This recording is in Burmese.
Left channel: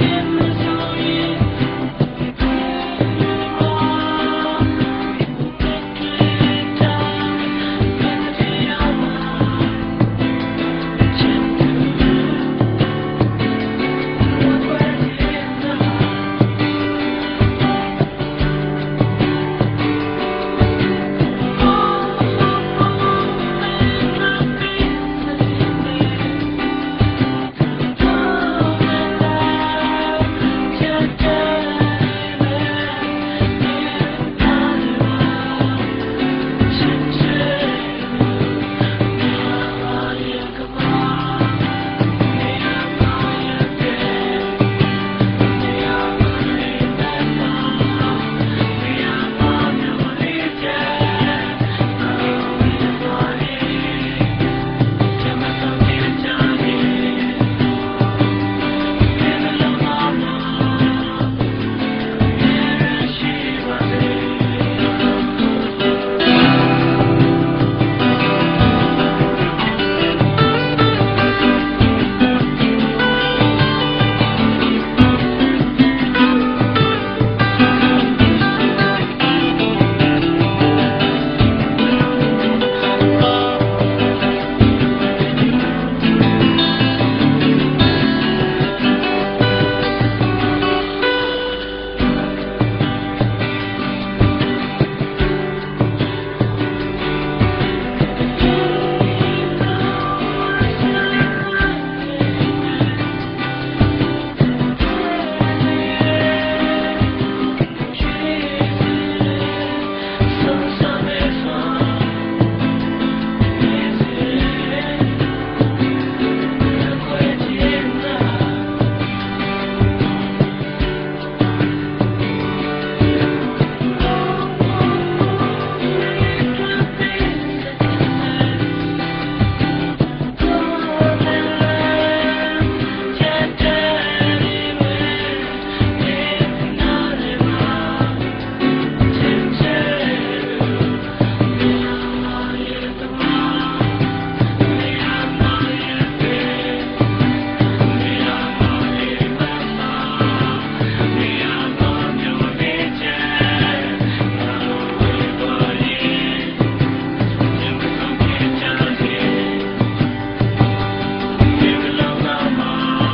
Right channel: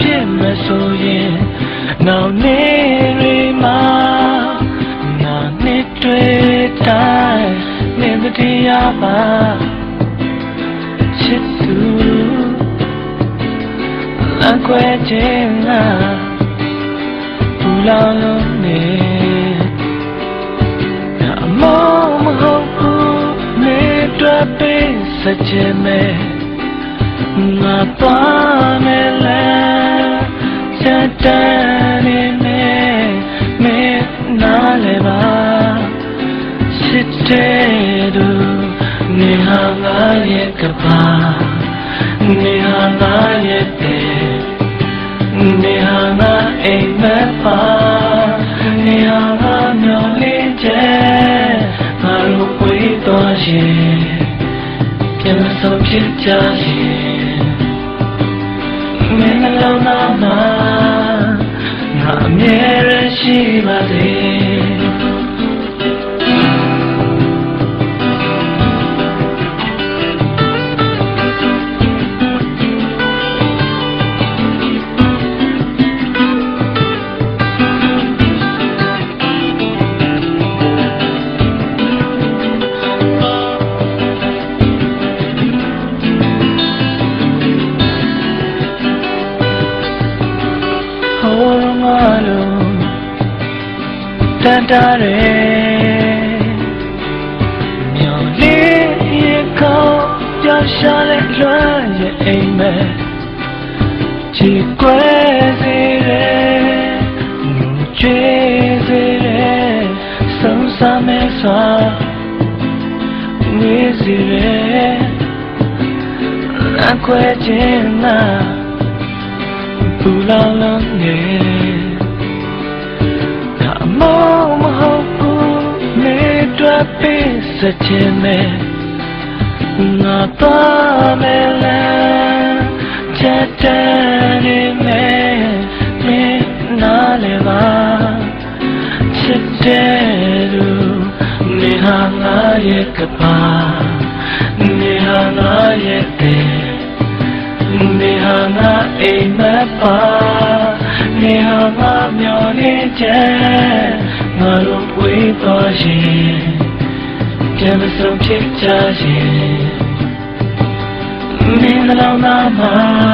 ဖြစ်မဆိုရင်နောက်နေ့တွေမှာငါနှစ်တွေ့တိုင်းမြင်တရားပါချစ်သူလက်ခွဲခြင်းကဘူလာလို့နေအမောမဟုတ်ဘူးနေတွေ့ပေးစချင်မယ်ငါပါမယ်လားချက်တန်းနေနေနားလေပါချစ်တဲ့သူနေဟာငါရဲ့ကပါနေဟာငါရဲ့နေဟာငါအိမ်မက်ပါနေဟာငါမျောလေးချက်ငါတို့ဝေးသွားရင်ပြန်မဆုံးဖြစ်ကြရင်မင်းနှလုံးသားမှာငါအမြဲတမ်းရှိပါစေတားတယ်မြော်လေးရေကောင်းပြောင်းရှာလိုက်လွှမ်းရဲ့အိမ်မက်ချီကွယ်စေတယ်ချွေးစေတယ်ဆုံးစမဲ့စွာဝေးစေတယ်လက်ခွဲခြင်းနာဘူလာလုံးနေစချင်မယ်ငါပါမယ်လားချက်တန်းနေမယ်နေနားလေပါချစ်တဲ့သူနေဟာငါရဲ့ကပါနေဟာငါရဲ့နေဟာငါအိမ်မက်ပါနေဟာငါမျောနေချက်ငါတို့ဝေးသွားရင်မဆုံးဖြစ်ကြရင်မင်းနှလုံးသားမှာ